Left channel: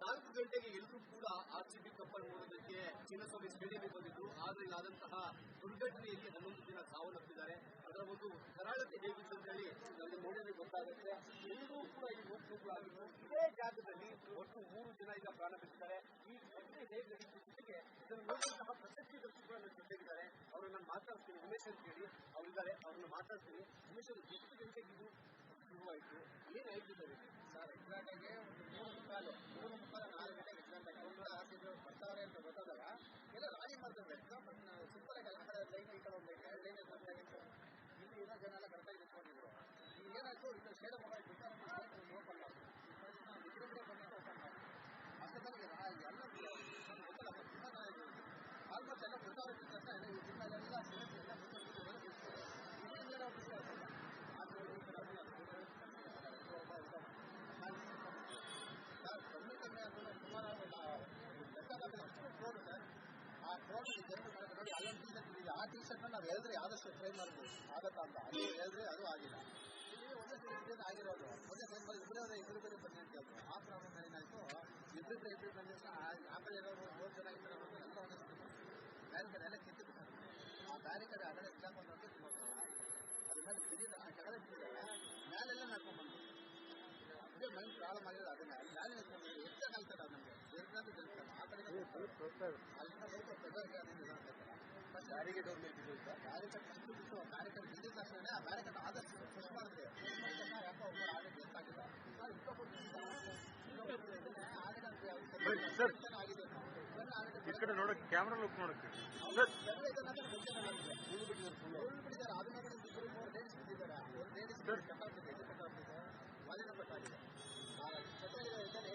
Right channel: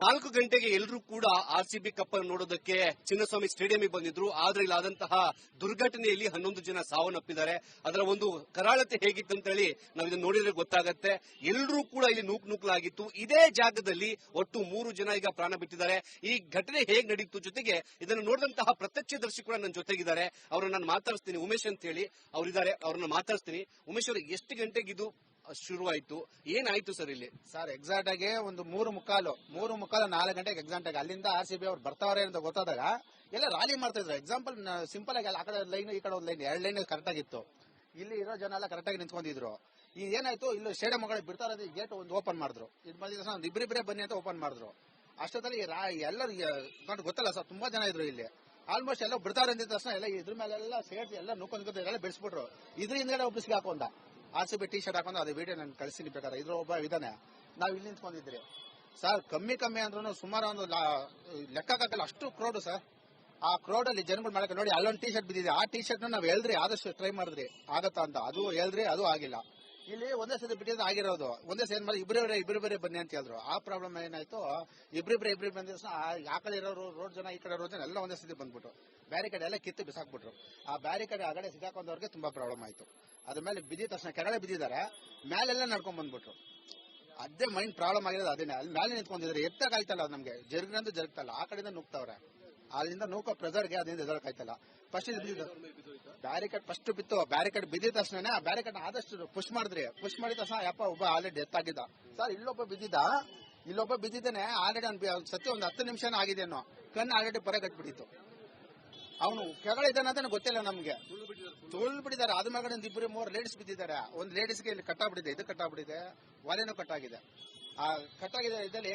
4 ಗಂಟೆಗೆ ಎಲ್ಲರೂ ಕೂಡ ಆರ್ಸಿಬಿ ಕಪ್ ಅನ್ನು ನೋಡೋದಕ್ಕೆ ಚಿನ್ನಸ್ವಾಮಿ ಸ್ಟೇಡಿಯಂಗೆ ಬಂದಿದ್ರು. ಆದ್ರೆ ಇಲ್ಲಾದಂತಹ ದುರ್ಘಟನೆಯಲ್ಲಿ 11 ಜನ ಸಾವನ್ನಪ್ಪಿದ್ದಾರೆ. ಅದರ ಒಂದು ಕರಾಳತೆ ಹೇಗಿತ್ತು ಅಂತ ಹೇಳಿ ನಾವು ಇದನ್ನು ನೋಡಿದ್ರೆ ಗೊತ್ತಾಗತ್ತೆ. ಎಲ್ಲರೂ ಕೂಡ ಇಲ್ಲಿ ನೂಕಲಾಗಿತ್ತು. ಇದೇ ಜಾಗದಲ್ಲಿ ಒಟ್ಟು 3 ಜನ ಈಗ ಪ್ರಾಣ ಬಿಟ್ಟಿದ್ದಾರೆ. ಈ ಘಟನೆ ಹೇಗೆ ನಡೀತು, ಜೊತೆಗೆ ಇದನ್ನು ನೋಡಿದಂತಹ ಪ್ರತ್ಯಕ್ಷದರ್ಶಿ ಕೂಡ ನನ್ನ ಜೊತೆಗಿದ್ದಾರೆ. ಅವ್ರನ್ನ ನಾನು ಮಾತಾಡಿಸ್ತೀನಿ, ಉಮೇಶ್ ಅಂತ ಹೇಳಿ ಅವರಿದ್ದಾರೆ. ಅವ್ರನ್ನ ಮಾತಾಡಿಸ್ತೀನಿ. ಉಮೇಶ್ ಅವರು, ಎಷ್ಟು ಗಂಟೆಗೆ ಇದು ಶುರುವಾಯಿತು, ಏನಾಯ್ತು ಸರ್ ಇಲ್ಲಿ? ಸರ್ ಎಕ್ಸಾಕ್ಟ್ ಆಗಿ ಒಂದು 3:45 4 ಗಂಟೆಗೆ ಎಕ್ಸಾಕ್ಟ್ ಆಗಿ ಅಲ್ಲಿಂದ RCB ಅವ್ರು ಬರ್ತಾವ್ರೆ ಅಂತ ಗೊತ್ತಾದಾಗ ಎಲ್ಲ ರಾಲಿ ಮಾಡ್ತಾ ಇದ್ರು. ಎಕ್ಸಾಂಪಲ್ ಸಿಂಪಲ್ ಆಗಿ ಆ ಕಡೆ ಲೈನ್ ಈ ಕಡೆ ಒಂದು ಲೈನ್, 2 ಲೈನ್ ಕರೆಕ್ಟ್ ಆಗಿತ್ತು. ಇಲ್ಲಿ ಇರೋ ಜನ ಎಲ್ಲ ಕರೆಕ್ಟ್ ಆಗಿ ನಿಂತ್ಕೊಂಡಿದ್ರು. ಈಗ ಏನಾಯ್ತು, ಇಲ್ಲಿ ಸ್ಟೇಡಿಯಂ ಮಗಳು ಬಿಡ್ತಾರ ಗೇಟ್ ಒಂದು ಓಪನ್ ಮಾಡಿದ್ರು. ಇದು ಬಂದಿದ್ದ ಒಂದು ಇಬ್ಬರಿಬ್ಬರೇ ಬನ್ನಿ ಅಂತ ಓಪನ್ ಮಾಡಿದ್ರು. ಅಷ್ಟೊತ್ತಲ್ಲಿ ಎಲ್ಲರೂ ಗೊತ್ತಲ್ಲ ಸರ್, ತುಂಬಾ ಜನ ಇದ್ರು ಇಲ್ಲಿ. ಆಲ್ಮೋಸ್ಟ್ ಎಲ್ಲ ಬಿಡ್ತಾರೆ ಅಂದಿದ ತಕ್ಷಣ ಎಲ್ಲ ಇದ್ರ ಮೇಲೆಲ್ಲ ಸೇರ್ಸಿ ಎಲ್ಲ ನುಕ್ಕೊಂಡ್ ಎಲ್ಲ ಬಿಡಿಸ್ಬಿಟ್ರು. ಇದ್ರ ಹಿಂದ್ಗಡೆ ಒಬ್ಬಿಸಿಗೆ ಹಾಕೊಂಡ RCB ಟಿ ಶರ್ಟ್ ಹಾಕೊಂಡು ಅದು ವಿಡಿಯೋ ನಾನು ಕಳಿಸ್ತೀನಿ ಬೇಕಾದ್ರೆ. ಇದ್ರ ಒಬ್ಬ ಇದಾನೆ, ನಾವು ಇಲ್ಲಿ ನಿಂತ್ಕೊಂಡಿದ್ರಿ ಸರ್. ಕಮ್ಮಿ ಅಂದ್ರೂ ಸುಮಾರು ಒಂದು ಲೆಕ್ಕಕ್ಕಾಗಲ್ಲ ಅಷ್ಟು ಕ್ರೌಡ್ ಸರ್. ಆ ಕ್ರೌಡ್ ಅಲ್ಲಿ ಜನಗಳು ಮಾಡಕ್ಕೆ ನೋಡಿ, ಅಲ್ಲೊಂದು ಟಿ ಶರ್ಟ್ ಬಿದ್ದಿದೆ. ಆ ಟಿ ಶರ್ಟ್ ನಾವು ಹೇಳಿದ್ರಿ, ಆದಷ್ಟು ಟ್ರೈ ಮಾಡಿದ್ರಿ ಆಗತ್ತಾ ಅಂತ. ಅದು ಹೇಳಿದ್ರಿ, ಅದು ಆಗಿಲ್ಲ. ಇಲ್ಲಿ ಒಂದೇ ಸತಿ ಬಿಟ್ಟಿದ್ದು ಆಗಿರೋದು. ಒಂದೇ ಸತಿ ಮಾಡಿ ಇಬ್ಬರೇ ಬನ್ನಿ ಅಂತ ಹೇಳಿದ್ರು. ಆ ಪ್ರಾಬ್ಲಮ್ ಏನಾಯ್ತು, ಇಬ್ಬರಿಬ್ಬರೇ ಬಂದ ತಕ್ಷಣ ಆ ಕಡೆ ಇರೋರು ರೋಡ್ ಜನ, ಈ ಕಡೆ ರೋಡ್ ಜನ ಎಲ್ಲ ಒಂದೇ ಸತಿ ಬಂದ್ಬಿಟ್ಟು ಬ್ಯಾರಿಕೇಡ್ ಎಲ್ಲ ಕಿತ್ತು ಬಿಸಾಕ್ಬಿಟ್ರು. ಆ ಬ್ಯಾರಿಕೇಡ್ ಆಗಡೆ ಸಿಗಾಕೊಂಡವ್ರಿಗೆ ತುಂಬಾ ಪ್ರಾಬ್ಲಮ್ ಆಯ್ತು. ಅದ್ರ ಮೇಲೆ ಬಿದ್ದಿದ ತಕ್ಷಣ ಕೆಳಗಡೆ ಬಿದ್ದಿದ್ದಾರೆ, ಮೇಲೆಲ್ಲ ನಡ್ಕೊಂಡ್ ಬಂದ್ಬಿಟ್ರು. ಅದೇ ಮೈಂಡ್ ಪ್ರಾಬ್ಲಮ್ ಆಗಿರೋದು ಅದೇನೆ. ಅಲ್ಲಿ ಮೇಲೆ ನಿಂತ್ಕೊಂಡಿದ್ರೆ ಎತ್ತಕ್ಕಾಯ್ತಲ್ಲ ನಮ್ಗೆ, ಜರುಗಿನಂತೂ ಜರುಗ್ತಲ್ಲ. ಆ ಕಡೆಯಿಂದ ನುಗ್ತವ್ರೆ, ಅಲ್ಲಿಂದ ನೂಕೋ ಪ್ರೆಸರ್ಗೆ ಅದರಿಂದ ಎದಳಕ್ಕಾಯ್ತಲ್ಲ. ಫಸ್ಟ್ ಬ್ಯಾರಿಕೇಡ್ ಫಸ್ಟ್ ಬಿತ್ತು. ಬ್ಯಾರಿಕೇಡ್ ಬಿದ್ದಿದ ತಕ್ಷಣ ಆ ಬ್ಯಾರಿಕೇಡ್ ಆದಷ್ಟು ಪುಷ್ ಮಾಡಿದ ತಕ್ಷಣ ಯಪ್ಪ ಒಬ್ಬ ಆಲ್ರೆಡಿ ಡೆತ್ ಆಗಿದ್ದ ಸರ್. ಇಲ್ಲೊಬ್ಬ ಬಿದ್ದಿದ್ದಾನೆ ಆಲ್ರೆಡಿ. ಸತ್ಯ ಒಂದು 10 ನಿಮಿಷ ಆಗಿದೆನೋ, ಕಣ್ಣು ಆಲ್ರೆಡಿ ಪರ ಕಟ್ಬಿಟ್ಟಿತ್ತು. ಅವನು ಕೆಳಗಡೆ ಇದ್ದಾನೆ ಅಂತ ಗೊತ್ತಿಲ್ಲ ನಮ್ಗೆ. ತುಳು ಬಿಟ್ಟಿದ್ದಾರೆ. ಅದ ಮೇಲೆ ಒಂದು 2-3 ಲೇಡೀಸ್ ಬಿದ್ದಿದ್ದಾರೆ. ಒಂದು ಲೇಡೀಸ್ಗೆ ಇಲ್ಲಿ ಕಟ್ಟಾಗ್ಬಿಟ್ಟಿದೆ, ಇದು ಕಟ್ಟಾಗ್ಬಿಟ್ಟಿದೆ, ಒಲೆನೂ ಕಟ್ಟಾಗಿದೆ. ಆ ಕಟ್ಟಾಗಿದೆ ಇದ್ದಲ್ಲಿ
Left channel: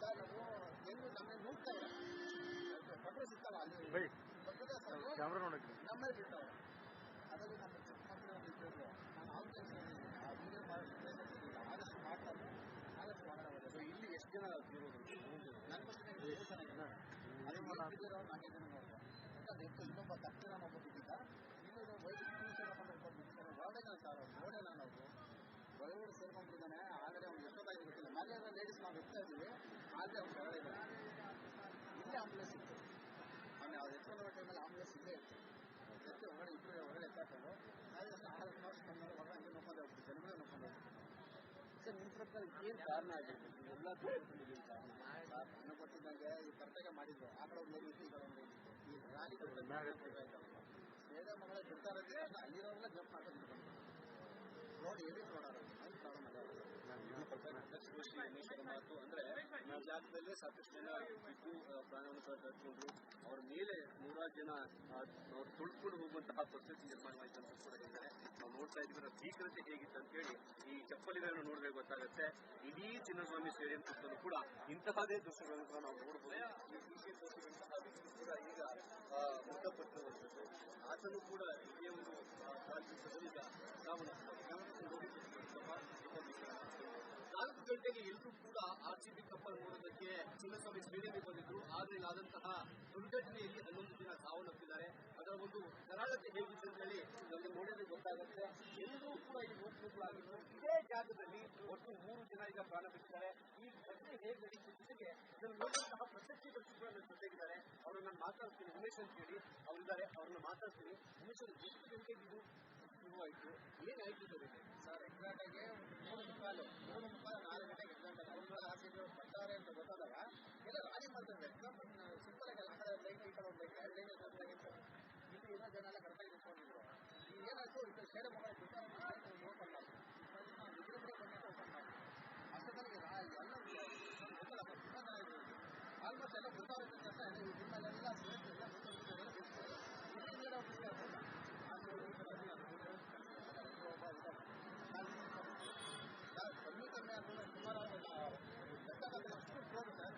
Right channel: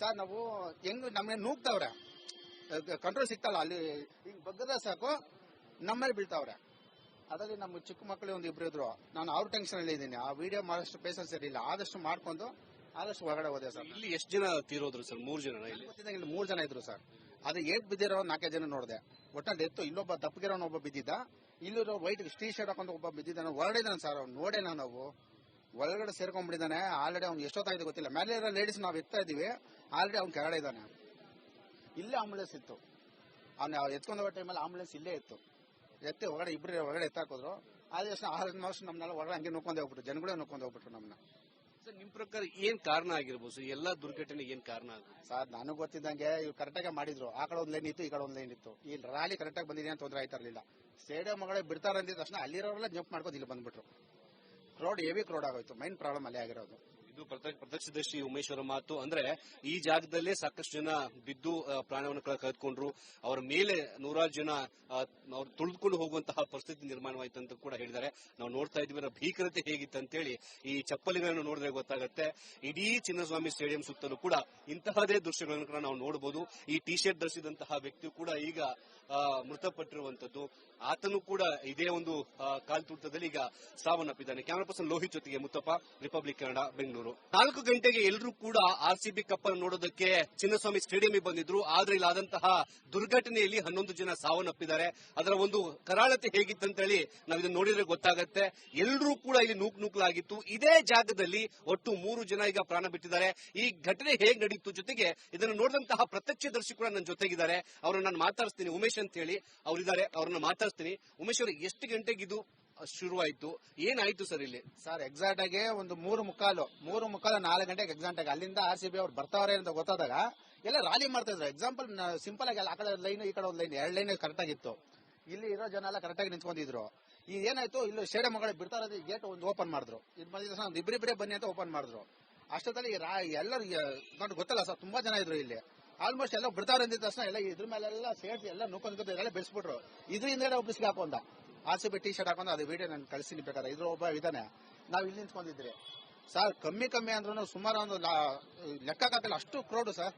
ಸರ್ ನಾವು ಹೆಂಗ್ ನಮ್ಗೆ ನೂಗ್ತಾವ್ರೆ, ಕಂಟ್ರೋಲ್ ಸಿಗ್ತಲ್ಲ. ಅಲ್ಲಿ ಬಗ್ಗದ ಸಾಕು ನಮ್ಮಲ್ಲಿ ಬೀಳ್ತಾವ್ರೆ. ಅದರಲ್ಲಿ ನಮ್ಮ ಚಿಕ್ಕ ಮಕ್ಕಳು ಒಂದು 2 ಇದ್ರು. ನಾನು ಅವ್ರ ಟೆನ್ಷನ್ ಅಲ್ಲಿ ಇದ್ದೀನಿ. ಆ ವಿಡಿಯೋ ಮಾಡೋಷ್ಟು ಪೇಷನ್ಸ್ ಇರಲಿಲ್ಲ. ಆದಷ್ಟು ಮಾಡ್ಕೊಂಡು ಆದಷ್ಟು ಹೊರಗಡೆ ಹೋದೆ ಸರ್. ಇಲ್ಲಿ ಎಷ್ಟು ಜನ ತೀರೋದ್ರು ಸರ್? 3 ಜನ. ಇಲ್ಲಿ 3 ಜನ ಇದ್ರು ಸರ್. ಅದು ಏಟ್ ಬಿದ್ದಿರೋ 4 ಜನ ನೋಡಿದೆ. ಒಟ್ಟಲ್ಲಿ ಡೆತ್ತು. ಇಲ್ಲೊಬ್ಬ ತಪ್ಪಗಿರೋನು ಒಬ್ಬ ಬಿದ್ದಿದ್ದ. ಇಲ್ಲಿರೋ ವೈಟ್ ಟಿ ಶರ್ಟ್ ಹಾಕೊಂಡು ಒಬ್ಬ ಬಿದ್ದಿದ್ದಾನೆ. ಹೊರಡಿದಾನೆ ಸರ್. ಅವ್ನು ನೋಡೇನ ನಾವು ಒಳಗಡೆ ಸೇರ್ಕೊಂಡ್ಬಿಟ್ಟಿದ್ದಾನೆ. ಆಲ್ರೆಡಿ ಅವ್ನು ಎಷ್ಟೊತ್ತಾಗಿದೆ ಗೊತ್ತಿಲ್ಲ. ಮೇಲೆ ಇರೋ ಲೇಡೀಸ್ ನಾವು ಎತ್ತಾ ಇದೀವಿ, ಆಲ್ರೆಡಿ ಅವ್ನು ಕೆಳಗಡೆ ಇದ್ದಾನೆ. ಇಲ್ಲೇ ಆಂಬುಲೆನ್ಸ್ ಇತ್ತು. ಅವ್ನು ಎತ್ಕೊಂಡು ಹೋಗೋ ಟೈಮಲ್ಲಿ ಆಂಬುಲೆನ್ಸ್ ಇಲ್ಲೇ ಇತ್ತು. ಎತ್ತಿ ಹೊರಗಡೆ ಎತ್ತಾಕಿದ್ರು. ಆದ ಆಲ್ಮೋಸ್ಟ್ ನಮ್ಮನ್ನೆಲ್ಲ ಹೊರಗಡೆ ಹಂಗೆ ನೋಡ್ಕೊಂಡು ಹೋಗ್ಬಿಟ್ರು. ಜನಗಳೇ ನೋಡ್ಕೊಂಡು ಹೋಗ್ಬಿಟ್ರು ನಮ್ಮನ್ನ. ನಿಮ್ ಪ್ರಕಾರ ಏನ್ ಕಾರಣ ಆಗಿರ್ಬೋದು? ಎಲ್ಲಾ ದುರ್ಘಟನೆಗೆ ಏನ್ ಕಾರಣ ಸರ್? ನನಗೆ ಗೊತ್ತಿದ್ದಂಗೆ ಇವ್ರು ಕರೆಕ್ಟಾಗಿ ಮಾಡಿದ್ರು. ಆ ಕಡೆ ಒಂದು ಲೈನ್ ಇತ್ತು, ಈ ಕಡೆ ಒಂದು ಲೈನ್ ಇತ್ತು. ಈ ರ್ಯಾಲಿ ಕರೆಕ್ಟಾಗಿ ಬಂದಿದೆ ಅಂತ ತೊಂದರೆ ಆಯ್ತಾ ಇರಲಿಲ್ಲ. ಸ್ಟೇಡಿಯಂ ಮಗಳೇ ಬಿಡ್ತಾರೆ ಅಂದಿದ ತಕ್ಷಣ ಅಲ್ಲಿರೋರೆಲ್ಲ ಜಂಪ್ ಮಾಡ್ಕೊಂಡು ಇಲ್ಲಿ ಬಂದ್ಬಿಟ್ರು. ಕ್ರೌಡ್ ಹೆವಿ ಕ್ರೌಡ್ ಆಗೋಯ್ತು. ಮೈನ್ ಪ್ರಾಬ್ಲಮ್ ಅಲ್ಲೇ ಆಗಿರೋದು. ಇದು ಪ್ರತ್ಯಕ್ಷದರ್ಶಿ ಉಮೇಶ್ ಅವರ ಮಾತು. ಅಂದ್ರೆ ಈ ಜಾಗದಲ್ಲೇ ಸಾಕಷ್ಟು ಜನ ಬಿದ್ದು ಪ್ರಾಣವನ್ನು ಕಳೆದುಕೊಂಡ್ರು. ಅವರ ಮೇಲೆ 100 ಜನ ಅವ್ರು ತುಳಿದುಕೊಂಡು ಹೋಗುವಂತಹ ಪರಿಸ್ಥಿತಿ ನಿರ್ಮಾಣವಾಯಿತು ಅಂತ ಕೂಡ ಹೇಳಿದ್ದಾರೆ. ನಾವು ನೋಡ್ತಾ ಇದ್ವಿ ಭೀಕರತೆ ಹೇಗಿತ್ತು ಅಂತೇಳಿ. ಈ ಚಪ್ಪಲಿಗಳನ್ನು ನೋಡಿದ್ರೆ ಗೊತ್ತಾಗುತ್ತೆ. ಇಡೀ ಚಿನ್ನಸ್ವಾಮಿ ಸ್ಟೇಡಿಯಂ ಸುತ್ತಲೂ ಕೂಡ ಇಂತಹದೇ ದೃಶ್ಯಗಳನ್ನು ಕೂಡ ನಾವು ನೋಡಬಹುದು. ಈ ಟಿ ಶರ್ಟ್ ಧರಿಸಿದಂತಹ ವ್ಯಕ್ತಿ ಕೂಡ ಈಗ ಮೃತಪಟ್ಟಿರುವಂತದ್ದು. ಆತನು ಕೂಡ ಇದೇ ಒಂದು ಕಾಲ್ತುಳಿತದಲ್ಲಿ ಈಗ ಸಾವನ್ನಪ್ಪಿದ್ದಾನೆ. ಕ್ಯಾಮರಾ ಪರ್ಸನ್ ಲೋಹಿತ್ ಜೊತೆಗೆ ಮುತ್ತಪ್ಪ, ರಿಪಬ್ಲಿಕ್ ಕನ್ನಡ, ಬೆಂಗಳೂರು. 4 ಗಂಟೆಗೆ ಎಲ್ಲರೂ ಕೂಡ RCB ಕಪ್ ಅನ್ನು ನೋಡೋದಕ್ಕೆ ಚಿನ್ನಸ್ವಾಮಿ ಸ್ಟೇಡಿಯಂಗೆ ಬಂದಿದ್ರು. ಆದ್ರೆ ಇಲ್ಲಾದಂತಹ ದುರ್ಘಟನೆಯಲ್ಲಿ 11 ಜನ ಸಾವನ್ನಪ್ಪಿದ್ದಾರೆ. ಅದರ ಒಂದು ಕರಾಳತೆ ಹೇಗಿತ್ತು ಅಂತ ಹೇಳಿ ನಾವು ಇದನ್ನು ನೋಡಿದ್ರೆ ಗೊತ್ತಾಗತ್ತೆ. ಎಲ್ಲರೂ ಕೂಡ ಇಲ್ಲಿ ನೂಕಲಾಗಿತ್ತು. ಇದೇ ಜಾಗದಲ್ಲಿ ಒಟ್ಟು 3 ಜನ ಈಗ ಪ್ರಾಣ ಬಿಟ್ಟಿದ್ದಾರೆ. ಈ ಘಟನೆ ಹೇಗೆ ನಡೀತು, ಜೊತೆಗೆ ಇದನ್ನು ನೋಡಿದಂತಹ ಪ್ರತ್ಯಕ್ಷದರ್ಶಿ ಕೂಡ ನನ್ನ ಜೊತೆಗಿದ್ದಾರೆ. ಅವ್ರನ್ನ ನಾನು ಮಾತಾಡಿಸ್ತೀನಿ, ಉಮೇಶ್ ಅಂತ ಹೇಳಿ ಅವರಿದ್ದಾರೆ. ಅವ್ರನ್ನ ಮಾತಾಡಿಸ್ತೀನಿ. ಉಮೇಶ್ ಅವರು, ಎಷ್ಟು ಗಂಟೆಗೆ ಇದು ಶುರುವಾಯಿತು, ಏನಾಯ್ತು ಸರ್ ಇಲ್ಲಿ? ಸರ್ ಎಕ್ಸಾಕ್ಟ್ ಆಗಿ ಒಂದು 3:45 4 ಗಂಟೆಗೆ ಎಕ್ಸಾಕ್ಟ್ ಆಗಿ ಅಲ್ಲಿಂದ RCB ಅವ್ರು ಬರ್ತಾವ್ರೆ ಅಂತ ಗೊತ್ತಾದಾಗ ಎಲ್ಲ ರಾಲಿ ಮಾಡ್ತಾ ಇದ್ರು. ಎಕ್ಸಾಂಪಲ್ ಸಿಂಪಲ್ ಆಗಿ ಆ ಕಡೆ ಲೈನ್ ಈ ಕಡೆ ಒಂದು ಲೈನ್, 2 ಲೈನ್ ಕರೆಕ್ಟ್ ಆಗಿತ್ತು. ಇಲ್ಲಿ ಇರೋ ಜನ ಎಲ್ಲ ಕರೆಕ್ಟ್ ಆಗಿ ನಿಂತ್ಕೊಂಡಿದ್ರು. ಈಗ ಏನಾಯ್ತು, ಇಲ್ಲಿ ಸ್ಟೇಡಿಯಂ ಮಗಳು ಬಿಡ್ತಾರ ಗೇಟ್ ಒಂದು ಓಪನ್ ಮಾಡಿದ್ರು. ಇದು ಬಂದಿದ್ದ ತಕ್ಷಣ ಒಂದು ಇಬ್ಬರಿಬ್ಬರೇ ಬನ್ನಿ ಅಂತ ಓಪನ್ ಮಾಡಿದ್ರು. ಅಷ್ಟೊತ್ತಲ್ಲಿ ಎಲ್ಲರೂ ಗೊತ್ತಲ್ಲ ಸರ್, ತುಂಬಾ ಜನ ಇದ್ರು ಇಲ್ಲಿ. ಆಲ್ಮೋಸ್ಟ್ ಎಲ್ಲ ಬಿಡ್ತಾರೆ ಅಂದಿದ ತಕ್ಷಣ ಎಲ್ಲ ಇದ್ರ ಮೇಲೆಲ್ಲ ಸೇರ್ಸಿ ಎಲ್ಲ ನುಕ್ಕೊಂಡ್ ಎಲ್ಲ ಬೆಳೆಸ್ಬಿಟ್ರು. ಇದ್ರ ಹಿಂದ್ಗಡೆ ಒಬ್ಬಿಸಿಗೆ ಹಾಕೊಂಡ RCB ಟಿ ಶರ್ಟ್ ಹಾಕೊಂಡು ಅದು ವಿಡಿಯೋ ನಾನು ಕಳಿಸ್ತೀನಿ ಬೇಕಾದ್ರೆ. ಇದ್ರ ಒಬ್ಬ ಇದಾನೆ, ನಾವು ಇಲ್ಲಿ ನಿಂತ್ಕೊಂಡಿದ್ರಿ ಸರ್. ಕಮ್ಮಿ ಅಂದ್ರೂ ಸುಮಾರು ಒಂದು ಲೆಕ್ಕಕ್ಕಾಗಲ್ಲ ಅಷ್ಟು ಕ್ರೌಡ್ ಸರ್.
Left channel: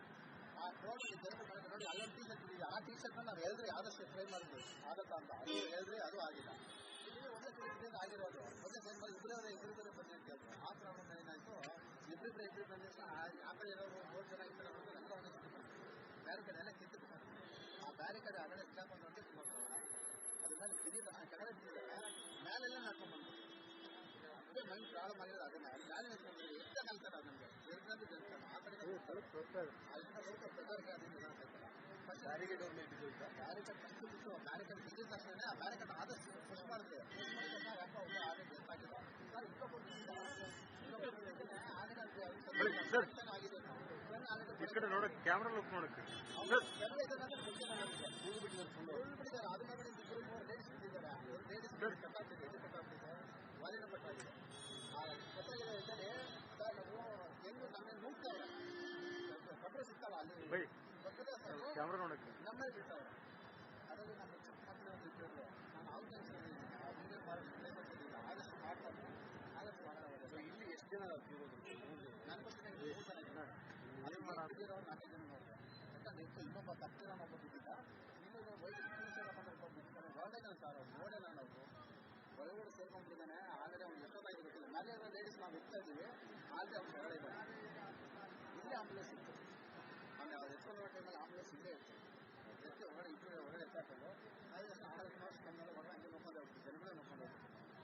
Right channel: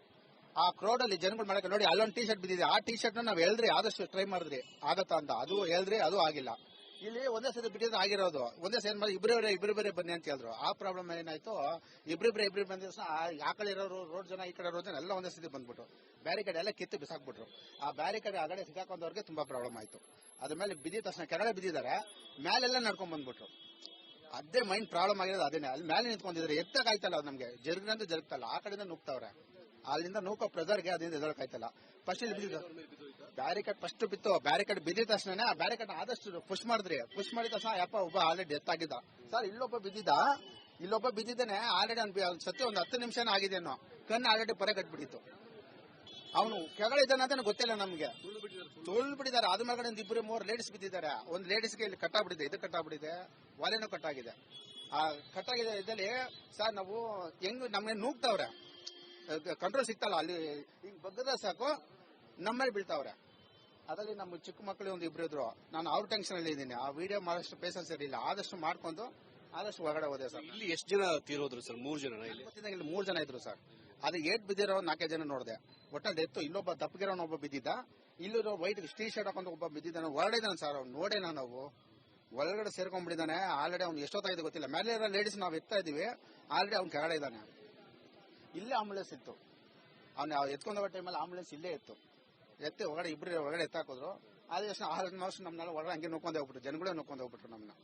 ಆ ಕ್ರೌಡ್ ಅಲ್ಲಿ ಜನಗಳು ಮಾಡಕ್ಕೆ ನೋಡಿ, ಅಲ್ಲೊಂದು ಟಿ ಶರ್ಟ್ ಬಿದ್ದಿದೆ. ಆ ಟಿ ಶರ್ಟ್ ನಾವು ಹೇಳಿದ್ರಿ, ಆದಷ್ಟು ಟ್ರೈ ಮಾಡಿದ್ರಿ ಆಗತ್ತಾ ಅಂತ. ಅದು ಹೇಳಿದ್ರಿ, ಅದು ಆಗಿಲ್ಲ. ಇಲ್ಲಿ ಒಂದೇ ಸತಿ ಬಿಟ್ಟಿದ್ದು ಆಗಿರೋದು. ಒಂದೇ ಸತಿ ಮಾಡಿ ಇಬ್ಬರೇ ಬನ್ನಿ ಅಂತ ಹೇಳಿದ್ರು. ಆ ಪ್ರಾಬ್ಲಮ್ ಏನಾಯ್ತು, ಇಬ್ಬರಿಬ್ಬರೇ ಬಂದ ತಕ್ಷಣ ಆ ಕಡೆ ಇರೋರು ರೋಡ್ ಜನ, ಈ ಕಡೆ ರೋಡ್ ಜನ ಎಲ್ಲ ಒಂದೇ ಸತಿ ಬಂದ್ಬಿಟ್ರು. ಬ್ಯಾರಿಕೇಡ್ ಎಲ್ಲ ಕಿತ್ತು ಬಿಸಾಕ್ಬಿಟ್ರು. ಆ ಬ್ಯಾರಿಕೇಡ್ ಆಗಡೆ ಸಿಗಾಕೊಂಡವ್ರಿಗೆ ತುಂಬಾ ಪ್ರಾಬ್ಲಮ್ ಆಯ್ತು. ಅದ್ರ ಮೇಲೆ ಬಿದ್ದಿದ ತಕ್ಷಣ ಕೆಳಗಡೆ ಬಿದ್ದಿದ್ದಾರೆ, ಮೇಲೆಲ್ಲ ನಡ್ಕೊಂಡ್ ಬಂದ್ಬಿಟ್ರು. ಅದೇ ಮೈಂಡ್ ಪ್ರಾಬ್ಲಮ್ ಆಗಿರೋದು ಅದೇನೆ. ಅಲ್ಲಿ ಮೇಲೆ ನಿಂತ್ಕೊಂಡಿದ್ರೆ ಎತ್ತಕ್ಕಾಯ್ತಲ್ಲ ಅದು ನಮ್ಗೆ, ಜರುಗಿನಂತ ಜರುಗ್ತಲ್ಲ, ಆ ಕಡೆಯಿಂದ ನುಗ್ತವ್ರೆ. ಅಲ್ಲಿಂದ ನೂಕೋ ಪ್ರೆಸರ್ಗೆ ಅದರಿಂದ ಎದಳಕಾಯ್ತಲ್ಲ. ಫಸ್ಟ್ ಇಲ್ಲಿ ಬ್ಯಾರಿಕೇಡ್ ಫಸ್ಟ್ ಬಿತ್ತು, ಬ್ಯಾರಿಕೇಡ್ ಬಿದ್ದಿದ ತಕ್ಷಣ ಆ ಬ್ಯಾರಿಕೇಡ್ ಆದಷ್ಟು ಪುಷ್ ಮಾಡಿದ್ರಿ. ಪುಷ್ ಮಾಡಿದ ತಕ್ಷಣ ಯಪ್ಪ ಒಬ್ಬ ಆಲ್ರೆಡಿ ಡೆತ್ ಆಗಿದ್ದ ಸರ್. ಇಲ್ಲೊಬ್ಬ ಬಿದ್ದಿದ್ದಾನೆ ಆಲ್ರೆಡಿ. ಸತ್ಯ ಒಂದು 10 ನಿಮಿಷನೇ ಆಗಿದೆನೋ. ಕಣ್ಣು ಆಲ್ರೆಡಿ ಪರೆ ಕಟ್ಬಿಟ್ಟಿತ್ತು. ಅವನು ಕೆಳಗಡೆ ಇದ್ದಾನೆ ಅಂತ ಗೊತ್ತಿಲ್ಲ ನಮ್ಗೆ. ತುಳ್ ಬಿಟ್ಟಿದ್ದಾರೆ. ಅದ್ರ ಮೇಲೆ ಒಂದು 2-3 ಲೇಡೀಸ್ ಬಿದ್ದಿದ್ದಾರೆ. ಒಂದು ಲೇಡೀಸ್ಗೆ ಇಲ್ಲಿ ಕಟ್ಟಾಗ್ಬಿಟ್ಟಿದೆ, ಇದು ಕಟ್ಟಾಗ್ಬಿಟ್ಟಿದೆ, ಒಲೆನೂ ಕಟ್ಟಾಗಿದೆ. ಆ ಕಟ್ಟಾಗಿದೆ ಇದ್ದಲ್ಲಿ ಸರ್ ನಾವು ಹೆಂಗ್ ನಮ್ಗೆ ನೂಗ್ತಾವ್ರೆ, ಕಂಟ್ರೋಲ್ ಸಿಗ್ತಲ್ಲ. ಅಲ್ಲಿ ಬಗ್ಗದ ಸಾಕು ನಮ್ಮಲ್ಲಿ ಬೀಳ್ತಾವ್ರೆ. ಅದರಲ್ಲಿ ನಮ್ಮ ಚಿಕ್ಕ ಮಕ್ಕಳು ಒಂದು 2 ಇದ್ರು. ನಾನು ಅವ್ರ ಟೆನ್ಷನ್ ಅಲ್ಲಿ ಇದ್ದೀನಿ. ಆ ವಿಡಿಯೋ ಮಾಡೋಷ್ಟು ಪೇಷನ್ಸ್ ಇರಲಿಲ್ಲ. ಆದಷ್ಟು ಮಾಡ್ಕೊಂಡು ಆದಷ್ಟು ಹೊರಗಡೆ ಹೋದೆ ಸರ್. ಇಲ್ಲಿ ಎಷ್ಟು ಜನ ತೀರೋದ್ರು ಸರ್? 3 ಜನ. ಇಲ್ಲಿ 3 ಜನ ಇದ್ರು ಸರ್. ಅದು ಏಟ್ ಬಿದ್ದಿರೋ 4 ಜನ ನೋಡಿದೆ. ಒಟ್ಟಲ್ಲಿ ಎತ್ತು ಇಲ್ಲೊಬ್ಬ ತಪ್ಪಗಿರೋನ ಒಬ್ಬ ಬಿದ್ದಿದ್ದ. ಇಲ್ಲೂ ವೈಟ್ ಟೀ ಶರ್ಟ್ ಹಾಕೊಂಡು ಒಬ್ಬ ಬಿದ್ದಿದ್ದಾನೆ. ಹೊರಗಡೆ ಇದ್ದಾನೆ ಸರ್. ಅವ್ನು ನೋಡೇನ ನಾವು ಒಳಗಡೆ ಸೇರ್ಕೊಂಡ್ಬಿಟ್ಟಿದ್ದಾನೆ. ಆಲ್ರೆಡಿ ಅವ್ನು ಎಷ್ಟೊತ್ತಾಗಿದೆ ಗೊತ್ತಿಲ್ಲ. ಮೇಲೆ ಇರೋ ಲೇಡೀಸ್ ನಾವು ಎತ್ತಾ ಇದೀವಿ. ಆಲ್ರೆಡಿ ಅವ್ನು ಕೆಳಗಡೆ ಇದ್ದಾನೆ. ಇಲ್ಲೇ ಆಂಬುಲೆನ್ಸ್ ಇತ್ತು. ಅವ್ನು ಎತ್ಕೊಂಡ ಟೈಮಲ್ಲಿ ಆಂಬುಲೆನ್ಸ್ ಇಲ್ಲೇ ಇತ್ತು. ಎತ್ತಿ ಹೊರಗಡೆ ಇಬ್ಬರು ಹೊರಗಡೆ ಎತ್ತಾಕಿದ್ರು. ಆದ ತಕ್ಷಣ ಆಲ್ಮೋಸ್ಟ್ ನಮ್ಮನ್ನೆಲ್ಲ ಹೊರಗಡೆ ಹಂಗೆ ನೋಡ್ಕೊಂಡು ಹೋಗ್ಬಿಟ್ರು. ಜನಗಳೇ ನೋಡ್ಕೊಂಡು ಹೋಗ್ಬಿಟ್ರು ನಮ್ಮನ್ನ.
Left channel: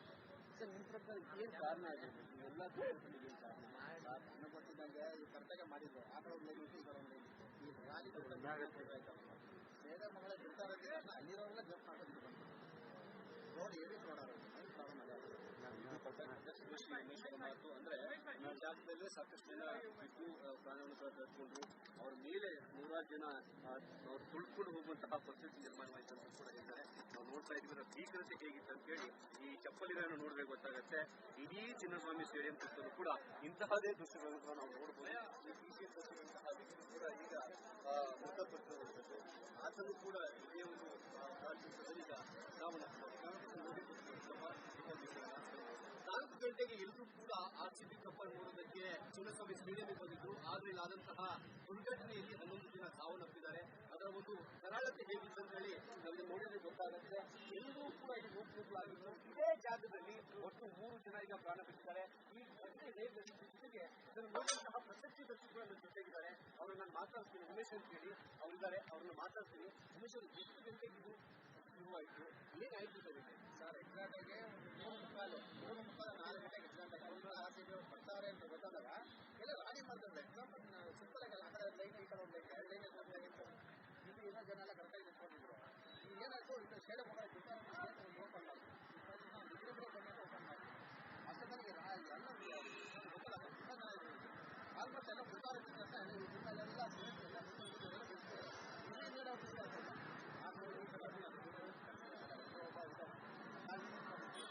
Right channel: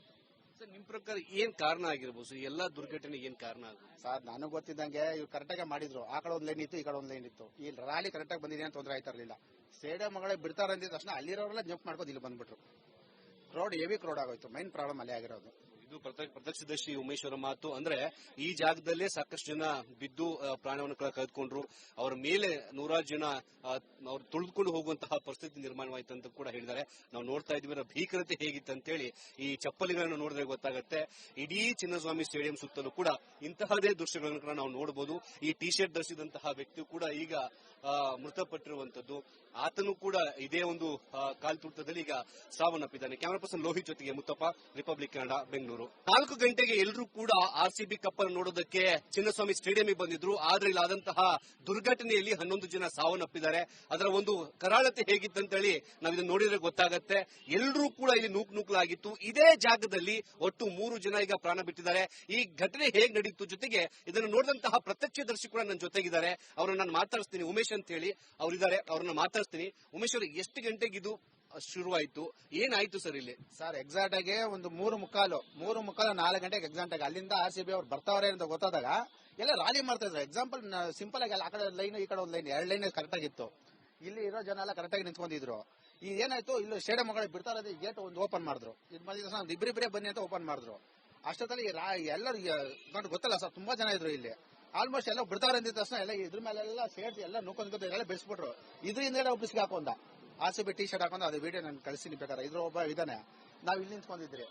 ನಿಮ್ ಪ್ರಕಾರ ಏನ್ ಕಾರಣ ಆಗಿರ್ಬೋದು? ಎಲ್ಲಾ ದುರ್ಘಟನೆ ಏನ್ ಕಾರಣ ಸರ್? ನನಗೆ ಗೊತ್ತಿದ್ದಂಗೆ ಇವ್ರು ಕರೆಕ್ಟಾಗಿ ಮಾಡಿದ್ರು. ಆ ಕಡೆ ಒಂದು ಲೈನ್ ಇತ್ತು, ಈ ಕಡೆ ಒಂದು ಲೈನ್ ಇತ್ತು. ಈ ರ್ಯಾಲಿ ಕರೆಕ್ಟಾಗಿ ಬಂದಿದೆ ಅಂತ ತೊಂದರೆ ಆಯ್ತಾ ಇರಲಿಲ್ಲ. ಸ್ಟೇಡಿಯಂ ಮಗಳೇ ಬಿಡ್ತಾರೆ ಅಂದಿದ ತಕ್ಷಣ ಅಲ್ಲಿರೋರೆಲ್ಲ ಜಂಪ್ ಮಾಡ್ಕೊಂಡು ಇಲ್ಲಿ ಬಂದ್ಬಿಟ್ರು. ಕ್ರೌಡ್ ಹೆವಿ ಕ್ರೌಡ್ ಆಗೋಯ್ತು. ಮೈನ್ ಪ್ರಾಬ್ಲಮ್ ಅಲ್ಲೇ ಆಗಿರೋದು. ಇದು ಪ್ರತ್ಯಕ್ಷದರ್ಶಿ ಉಮೇಶ್ ಅವರ ಮಾತು. ಅಂದ್ರೆ ಈ ಜಾಗದಲ್ಲೇ ಸಾಕಷ್ಟು ಜನ ಬಿದ್ದು ಪ್ರಾಣವನ್ನು ಕಳೆದುಕೊಂಡ್ರು. ಅವರ ಮೇಲೆ 100 ಜನ ಅವ್ರು ತುಳಿದುಕೊಂಡು ಹೋಗುವಂತಹ ಪರಿಸ್ಥಿತಿ ನಿರ್ಮಾಣವಾಯಿತು ಅಂತ ಕೂಡ ಹೇಳಿದ್ದಾರೆ. ನಾವು ನೋಡ್ತಾ ಇದ್ವಿ ಭೀಕರತೆ ಹೇಗಿತ್ತು ಅಂತೇಳಿ. ಈ ಚಪ್ಪಲಿಗಳನ್ನು ನೋಡಿದ್ರೆ ಗೊತ್ತಾಗುತ್ತೆ. ಇಡೀ ಚಿನ್ನಸ್ವಾಮಿ ಸ್ಟೇಡಿಯಂ ಸುತ್ತಲೂ ಕೂಡ ಇಂತಹದೇ ದೃಶ್ಯಗಳನ್ನು ಕೂಡ ನಾವು ನೋಡಬಹುದು. ಈ ಟಿ ಶರ್ಟ್ ಧರಿಸಿದಂತಹ ವ್ಯಕ್ತಿ ಕೂಡ ಈಗ ಮೃತಪಟ್ಟಿರುವಂತದ್ದು. ಆತನು ಕೂಡ ಇದೇ ಒಂದು ಕಾಲ್ತುಳಿತದಲ್ಲಿ ಈಗ ಸಾವನ್ನಪ್ಪಿದ್ದಾನೆ. ಕ್ಯಾಮರಾ ಪರ್ಸನ್ ಲೋಹಿತ್ ಜೊತೆಗೆ ಮುತ್ತಪ್ಪ, ರಿಪಬ್ಲಿಕ್ ಕನ್ನಡ, ಬೆಂಗಳೂರು. 4 ಗಂಟೆಗೆ ಎಲ್ಲರೂ ಕೂಡ RCB ಕಪ್ ಅನ್ನು ನೋಡೋದಕ್ಕೆ ಚಿನ್ನಸ್ವಾಮಿ ಸ್ಟೇಡಿಯಂಗೆ ಬಂದಿದ್ರು. ಆದ್ರೆ ಇಲ್ಲಾದಂತಹ ದುರ್ಘಟನೆಯಲ್ಲಿ 11 ಜನ ಸಾವನ್ನಪ್ಪಿದ್ದಾರೆ. ಅದರ ಒಂದು ಕರಾಳತೆ ಹೇಗಿತ್ತಂತೇಳಿ ನಾವು ಇದನ್ನು ನೋಡಿದ್ರೆ ಗೊತ್ತಾಗತ್ತೆ. ಎಲ್ಲರೂ ಕೂಡ ಇಲ್ಲಿ ನೂಕಲಾಗಿತ್ತು. ಇದೇ ಜಾಗದಲ್ಲಿ ಒಟ್ಟು 3 ಜನ ಈಗ ಪ್ರಾಣ ಬಿಟ್ಟಿದ್ದಾರೆ. ಈ ಘಟನೆ ಹೇಗೆ ನಡೀತು, ಜೊತೆಗೆ ಇದನ್ನು ನೋಡಿದಂತಹ ಪ್ರತ್ಯಕ್ಷದರ್ಶಿ ಕೂಡ ನನ್ನ ಜೊತೆಗಿದ್ದಾರೆ. ಅವ್ರನ್ನ ನಾನು ಮಾತಾಡಿಸ್ತೀನಿ. ಉಮೇಶ್ ಅಂತ ಹೇಳಿ ಅವರಿದ್ದಾರೆ, ಅವ್ರನ್ನ ಮಾತಾಡ್ತೀನಿ. ಉಮೇಶ್ ಅವರು, ಎಷ್ಟು ಗಂಟೆಗೆ ಇದು ಶುರುವಾಯ್ತು, ಏನಾಯ್ತು ಸರ್ ಇಲ್ಲಿ? ಸರ್ ಎಕ್ಸಾಕ್ಟ್ ಆಗಿ ಒಂದು 3:45 4 ಗಂಟೆಗೆ ಎಕ್ಸಾಕ್ಟ್ ಆಗಿ ಅಲ್ಲಿಂದ RCB ಅವ್ರು ಬರ್ತಾವ್ರೆ ಅಂತ ಗೊತ್ತಾದಾಗ ಎಲ್ಲ ರಾಲಿ ಮಾಡ್ತಾ ಇದ್ರು. ಎಕ್ಸಾಂಪಲ್ ಸಿಂಪಲ್ ಆಗಿ ಆ ಕಡೆ ಲೈನ್ ಈ ಕಡೆ ಒಂದು ಲೈನ್ 2 ಲೈನ್ ಕರೆಕ್ಟ್ ಆಗಿತ್ತು. ಇಲ್ಲಿ ಇರೋ ಜನ ಎಲ್ಲ ಕರೆಕ್ಟ್ ಆಗಿ ನಿಂತ್ಕೊಂಡಿದ್ರು. ಈಗ ಏನಾಯ್ತು, ಇಲ್ಲಿ ಸ್ಟೇಡಿಯಂ ಮಗಳಿಗೆ ಬಿಡ್ತಾ ಇರೋದು ಗೇಟ್ ಒಂದು ಓಪನ್ ಮಾಡಿದ್ರು. ಇದು ಮಾಡಿದ ಇಬ್ಬರಿಬ್ಬರೇ ಬನ್ನಿ ಅಂತ ಓಪನ್ ಮಾಡಿದ್ರು. ಅಷ್ಟೊತ್ತಲ್ಲಿ ಎಲ್ಲರೂ ಗೊತ್ತಲ್ಲ ಸರ್, ತುಂಬಾ ಜನ ಇದ್ರು ಇಲ್ಲಿ. ಆಲ್ಮೋಸ್ಟ್ ಎಲ್ಲ ಬಿಡ್ತಾವ್ರೆ ಅಂದಿದ ತಕ್ಷಣ ಎಲ್ಲ ಇದ್ರ ಮೇಲೆಲ್ಲ ಸೇರಿಸಿ ಎಲ್ಲ ನೋಡ್ಕೊಂಡು ಎಲ್ಲ ಬೆಳೆಸ್ಬಿಟ್ರು. ಇದ್ರ ಹಿಂದೆ ಒಬ್ಬಿಸ್ಗೆ ಹಾಕೊಂಡ RCB ಟಿ ಶರ್ಟ್ ಹಾಕೊಂಡು ಅದು ವಿಡಿಯೋ ನಾನು ಕಳಿಸ್ತೀನಿ ಬೇಕಾದ್ರೆ. ಇದ್ರ ಒಬ್ಬ ಇದ್ದಾನೆ. ನಾವು ಇಲ್ಲಿ ನಿಂತ್ಕೊಂಡಿದ್ರಿ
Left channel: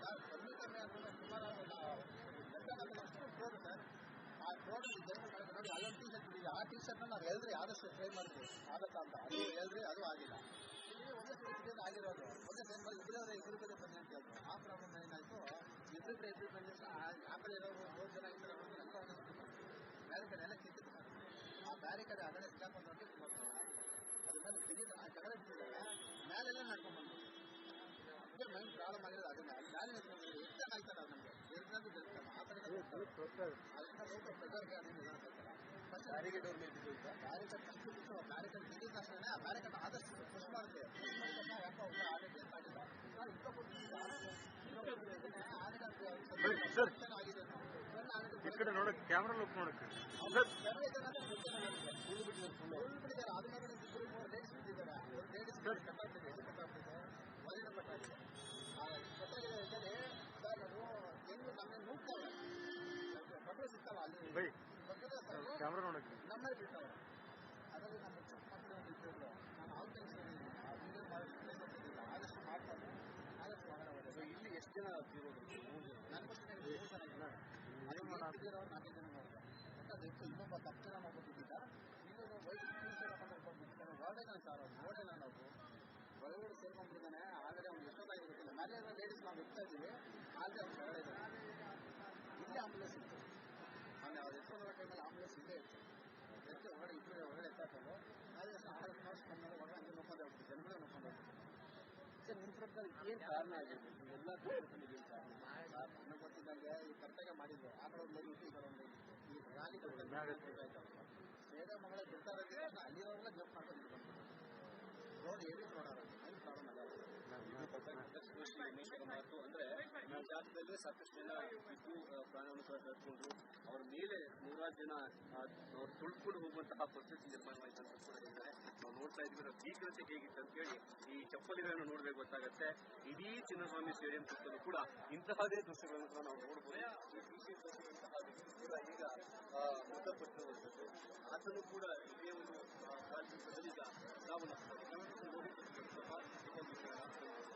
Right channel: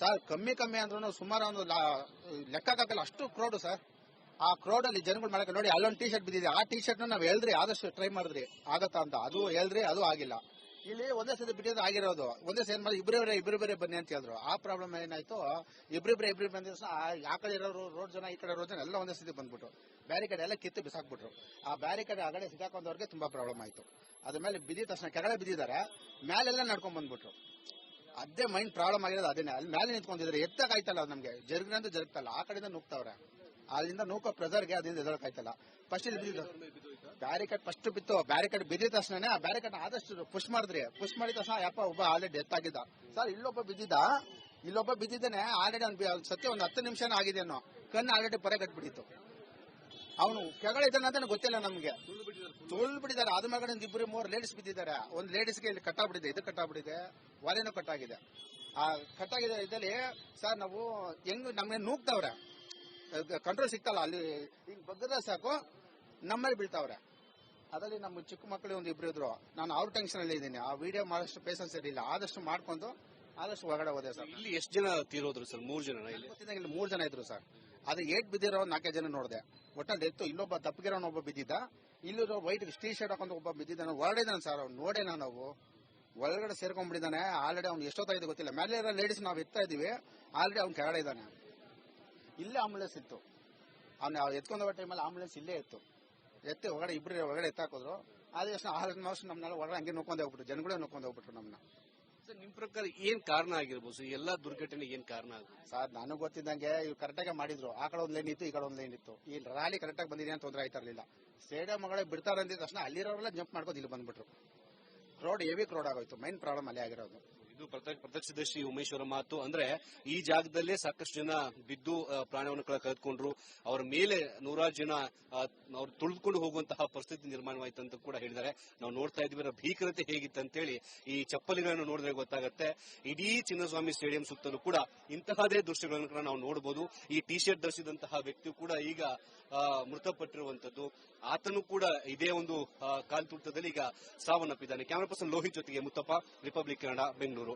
ಸರ್. ಕಮ್ಮಿ ಅಂದ್ರೂ ಸುಮಾರು ಒಂದು ಲೆಕ್ಕಕ್ಕಾಗಲ್ಲ ಅಷ್ಟು ಕ್ರೌಡ್ ಸರ್. ಆ ಕ್ರೌಡ್ ಅಲ್ಲಿ ಜನಗಳು ಮಾಡಕ್ಕೆ ನೋಡಿ ಅಲ್ಲೊಂದು ಟಿ ಶರ್ಟ್ ಬಿದ್ದಿದೆ. ಆ ಟಿ ಶರ್ಟ್ ನಾವು ಹೇಳಿದ್ರಿ, ಆದಷ್ಟು ಟ್ರೈ ಮಾಡಿದ್ರಿ ಆಗತ್ತಾ ಅಂತ. ಅದು ಹೇಳಿದ್ರಿ, ಅದು ಆಗಿಲ್ಲ. ಇಲ್ಲಿ ಒಂದೇ ಸತಿ ಬಿಟ್ಟಿದ್ದು ಆಗಿರೋದು. ಒಂದೇ ಸೇರ್ ಮಾಡಿ ಇಬ್ಬರು ಬೇರೆ ಬನ್ನಿ ಅಂತ ಹೇಳಿದ್ರು. ಆ ಪ್ರಾಬ್ಲಮ್ ಏನಾಯ್ತು, ಇಬ್ರು ಬಂದ ಆ ಕಡೆ ಇರೋರು ರೋಡ್ ಜನ, ಈ ಕಡೆ ರೋಡ್ ಜನ ಎಲ್ಲ ಒಂದೇ ಸತಿ ಬಂದ್ಬಿಟ್ರು. ಬ್ಯಾರಿಕೇಡ್ ಎಲ್ಲ ಕಿತ್ತು ಬಿಸಾಕ್ಬಿಟ್ರು. ಆ ಬ್ಯಾರಿಕೇಡ್ ಆಗಡೆ ಸಿಕ್ಕಾಕೊಂಡವ್ರಿಗೆ ತುಂಬಾ ಪ್ರಾಬ್ಲಮ್ ಆಯ್ತು. ಅದ್ರ ಮೇಲೆ ಬಿದ್ದಿದ ತಕ್ಷಣ ಕೆಳಗಡೆ ಬಿದ್ದಿದ್ದಾರೆ, ಮೇಲೆಲ್ಲ ನಡ್ಕೊಂಡ್ ಬಂದ್ಬಿಟ್ರು. ಅದೇ ಮೈಂಡ್ ಪ್ರಾಬ್ಲಮ್ ಆಗಿರೋದು ಅದೇನೆ. ಅಲ್ಲಿ ಮೇಲೆ ನಿಂತ್ಕೊಂಡಿದ್ರೆ ಎತ್ತಕ್ಕಾಯ್ತಲ್ಲ ಅದು ನಮ್ಗೆ, ಜರುಗಿನಂತ ಜರುಗ್ತಲ್ಲ, ಆ ಕಡೆಯಿಂದ ನುಗ್ತವ್ರೆ. ಅಲ್ಲಿಂದ ನೂಕೋ ಪ್ರೆಸರ್ಗೆ ಅದರಿಂದ ಎದಳಕಾಯ್ತಲ್ಲ. ಫಸ್ಟ್ ಇಲ್ಲಿ ಬ್ಯಾರಿಕೇಡ್ ಫಸ್ಟ್ ಬಿತ್ತು, ಬ್ಯಾರಿಕೇಡ್ ಬಿದ್ದಿದ ತಕ್ಷಣ ಆ ಬ್ಯಾರಿಕೇಡ್ ಆದಷ್ಟು ಪುಷ್ ಮಾಡಿದ್ರಿ. ಪುಷ್ ಮಾಡಿದ ತಕ್ಷಣ ಯಪ್ಪ ಒಬ್ಬ ಆಲ್ರೆಡಿ ಡೆತ್ ಆಗಿದ್ದ ಸರ್. ಇಲ್ಲೊಬ್ಬ ಬಿದ್ದಿದ್ದಾನೆ ಆಲ್ರೆಡಿ. ಸತ್ಯ ಒಂದು 10 ನಿಮಿಷನೇ ಆಗಿದೆನೋ. ಕಣ್ಣು ಆಲ್ರೆಡಿ ಪರೆ ಕಟ್ಬಿಟ್ಟಿತ್ತು. ಅವನು ಕೆಳಗಡೆ ಇದ್ದಾನೆ ಅಂತ ಗೊತ್ತಿಲ್ಲ ನಮ್ಗೆ. ತುಳ್ ಬಿಟ್ಟಿದ್ದಾರೆ. ಅದ್ರ ಮೇಲೆ ಒಂದು 2-3 ಲೇಡೀಸ್ ಬಿದ್ದಿದ್ದಾರೆ. ಒಂದು ಲೇಡೀಸ್ಗೆ ಇಲ್ಲಿ ಕಟ್ಟಾಗ್ಬಿಟ್ಟಿದೆ, ಇದು ಕಟ್ಟಾಗ್ಬಿಟ್ಟಿದೆ, ಒಲೆನೂ ಕಟ್ಟಾಗಿದೆ. ಆ ಕಟ್ಟಾಗಿದೆ ಇದ್ದಲ್ಲಿ ಸರ್ ನಾವು ಹೆಂಗ್ ನಮ್ಗೆ ನೂಗ್ತಾವ್ರೆ, ಕಂಟ್ರೋಲ್ ಸಿಗ್ತಲ್ಲ. ಅಲ್ಲಿ ಬಗ್ಗದ ಸಾಕು ನಮ್ಮಲ್ಲಿ ಬೀಳ್ತಾವ್ರೆ. ಅದರಲ್ಲಿ ನಮ್ಮ ಚಿಕ್ಕ ಮಕ್ಕಳು ಒಂದು 2 ಇದ್ರು. ನಾನು ಅವ್ರ ಟೆನ್ಷನ್ ಅಲ್ಲಿ ಇದ್ದೀನಿ. ಆ ವಿಡಿಯೋ ಮಾಡೋಷ್ಟು ಪೇಷನ್ಸ್ ಇರಲಿಲ್ಲ. ಆದಷ್ಟು ಮಾಡ್ಕೊಂಡು ಆದಷ್ಟು ಹೊರಗಡೆ ಹೋದೆ ಸರ್. ಇಲ್ಲಿ ಎಷ್ಟು ಜನ ತೀರೋದ್ರು ಸರ್? 3 ಜನ. ಇಲ್ಲಿ 3 ಜನ ಇದ್ರು ಸರ್. ಅದು ಏಟ್ ಬಿದ್ದಿರೋ 4 ಜನ ನೋಡಿದೆ. ಒಟ್ಟಲ್ಲಿ ಎತ್ತು ಇಲ್ಲೊಬ್ಬ ತಪ್ಪಗಿರೋನ ಒಬ್ಬ ಬಿದ್ದಿದ್ದ. ಇಲ್ಲೂ ವೈಟ್ ಟೀ ಶರ್ಟ್ ಹಾಕೊಂಡು ಒಬ್ಬ ಬಿದ್ದಿದ್ದಾನೆ. ಹೊರಗಡೆ ಇದ್ದಾನೆ ಸರ್. ಅವ್ನು ನೋಡೇನ ನಾವು ಒಳಗಡೆ ಸೇರ್ಕೊಂಡ್ಬಿಟ್ಟಿದ್ದಾನೆ. ಆಲ್ರೆಡಿ ಅವ್ನು ಎಷ್ಟೊತ್ತಾಗಿದೆ ಗೊತ್ತಿಲ್ಲ. ಮೇಲೆ ಇರೋ ಲೇಡೀಸ್ ನಾವು ಎತ್ತಾ ಇದೀವಿ. ಆಲ್ರೆಡಿ ಅವ್ನು ಕೆಳಗಡೆ ಇದ್ದಾನೆ. ಇಲ್ಲೇ ಆಂಬುಲೆನ್ಸ್ ಇತ್ತು. ಅವ್ನು ಎತ್ಕೊಂಡ ಟೈಮಲ್ಲಿ ಆಂಬುಲೆನ್ಸ್ ಇಲ್ಲೇ ಇತ್ತು. ಎತ್ತಿ ಹೊರಗಡೆ ಎತ್ತಾಕಿದ್ರು. ಆದ ತಕ್ಷಣ ಆಲ್ಮೋಸ್ಟ್ ನಮ್ಮನ್ನೆಲ್ಲ ಹೊರಗಡೆ ಹಂಗೆ ನೋಡ್ಕೊಂಡು ಹೋಗ್ಬಿಟ್ರು. ಜನಗಳೇ ನೋಡ್ಕೊಂಡು ಹೋಗ್ಬಿಟ್ರು ನಮ್ಮನ್ನ. ನಿಮ್ ಪ್ರಕಾರ ಏನ್ ಕಾರಣ ಆಗಿರ್ಬೋದು? ಎಲ್ಲಾ ದುರ್ಘಟನೆ ಏನ್ ಕಾರಣ ಸರ್? ನನಗೆ ಗೊತ್ತಿದ್ದಂಗೆ ಇವ್ರು ಕರೆಕ್ಟಾಗಿ ಮಾಡಿದ್ರು. ಆ ಕಡೆ ಒಂದು ಲೈನ್ ಇತ್ತು, ಈ ಕಡೆ ಒಂದು ಲೈನ್ ಇತ್ತು. ಈ ರ್ಯಾಲಿ ಕರೆಕ್ಟಾಗಿ ಬಂದಿದೆ ಅಂತ ತೊಂದರೆ ಆಯ್ತಾ ಇರಲಿಲ್ಲ. ಸ್ಟೇಡಿಯಂ ಮಗಳೇ ಬಿಡ್ತಾರೆ ಅಂದಿದ ತಕ್ಷಣ ಅಲ್ಲಿರೋರೆಲ್ಲ ಜಂಪ್ ಮಾಡ್ಕೊಂಡು ಇಲ್ಲಿ ಬಂದ್ಬಿಟ್ರು. ಕ್ರೌಡ್ ಹೆವಿ ಕ್ರೌಡ್ ಆಗೋಯ್ತು. ಮೈನ್ ಪ್ರಾಬ್ಲಮ್ ಅಲ್ಲೇ ಆಗಿರೋದು. ಇದು ಪ್ರತ್ಯಕ್ಷದರ್ಶಿ ಉಮೇಶ್ ಅವರ ಮಾತು. ಅಂದ್ರೆ ಈ ಜಾಗದಲ್ಲೇ ಸಾಕಷ್ಟು ಜನ ಬಿದ್ದು ಪ್ರಾಣವನ್ನು ಕಳೆದುಕೊಂಡ್ರು. ಅವರ ಮೇಲೆ ನೂರಾರು ಜನ ಅವ್ರು ತುಳಿದುಕೊಂಡು ಹೋಗುವಂತಹ ಪರಿಸ್ಥಿತಿ ನಿರ್ಮಾಣವಾಯಿತು ಅಂತ ಕೂಡ ಹೇಳಿದ್ದಾರೆ. ನಾವು ನೋಡ್ತಾ ಇದ್ವಿ ಅದರ ಭೀಕರತೆ ಹೇಗಿತ್ತು ಅಂತೇಳಿ ಈ ಚಪ್ಪಲಿಗಳನ್ನು ನೋಡಿದ್ರೆ ಗೊತ್ತಾಗುತ್ತೆ. ಇಡೀ ಚಿನ್ನಸ್ವಾಮಿ ಸ್ಟೇಡಿಯಂ ಸುತ್ತಲೂ ಕೂಡ ಇಂತಹದೇ ದೃಶ್ಯಗಳನ್ನು ಕೂಡ ನಾವು ನೋಡಬಹುದು. ಈ ಟಿ ಶರ್ಟ್ ಧರಿಸಿದಂತಹ ವ್ಯಕ್ತಿ ಕೂಡ ಈಗ ಮೃತಪಟ್ಟಿರುವಂತದ್ದು. ಆತನು ಕೂಡ ಇದೇ ಒಂದು ಕಾಲ್ತುಳಿತದಲ್ಲಿ ಈಗ ಸಾವನ್ನಪ್ಪಿದ್ದಾನೆ. ಕ್ಯಾಮರಾ ಪರ್ಸನ್ ಲೋಹಿತ್ ಜೊತೆಗೆ ಮುತ್ತಪ್ಪ, ರಿಪಬ್ಲಿಕ್ ಕನ್ನಡ, ಬೆಂಗಳೂರು.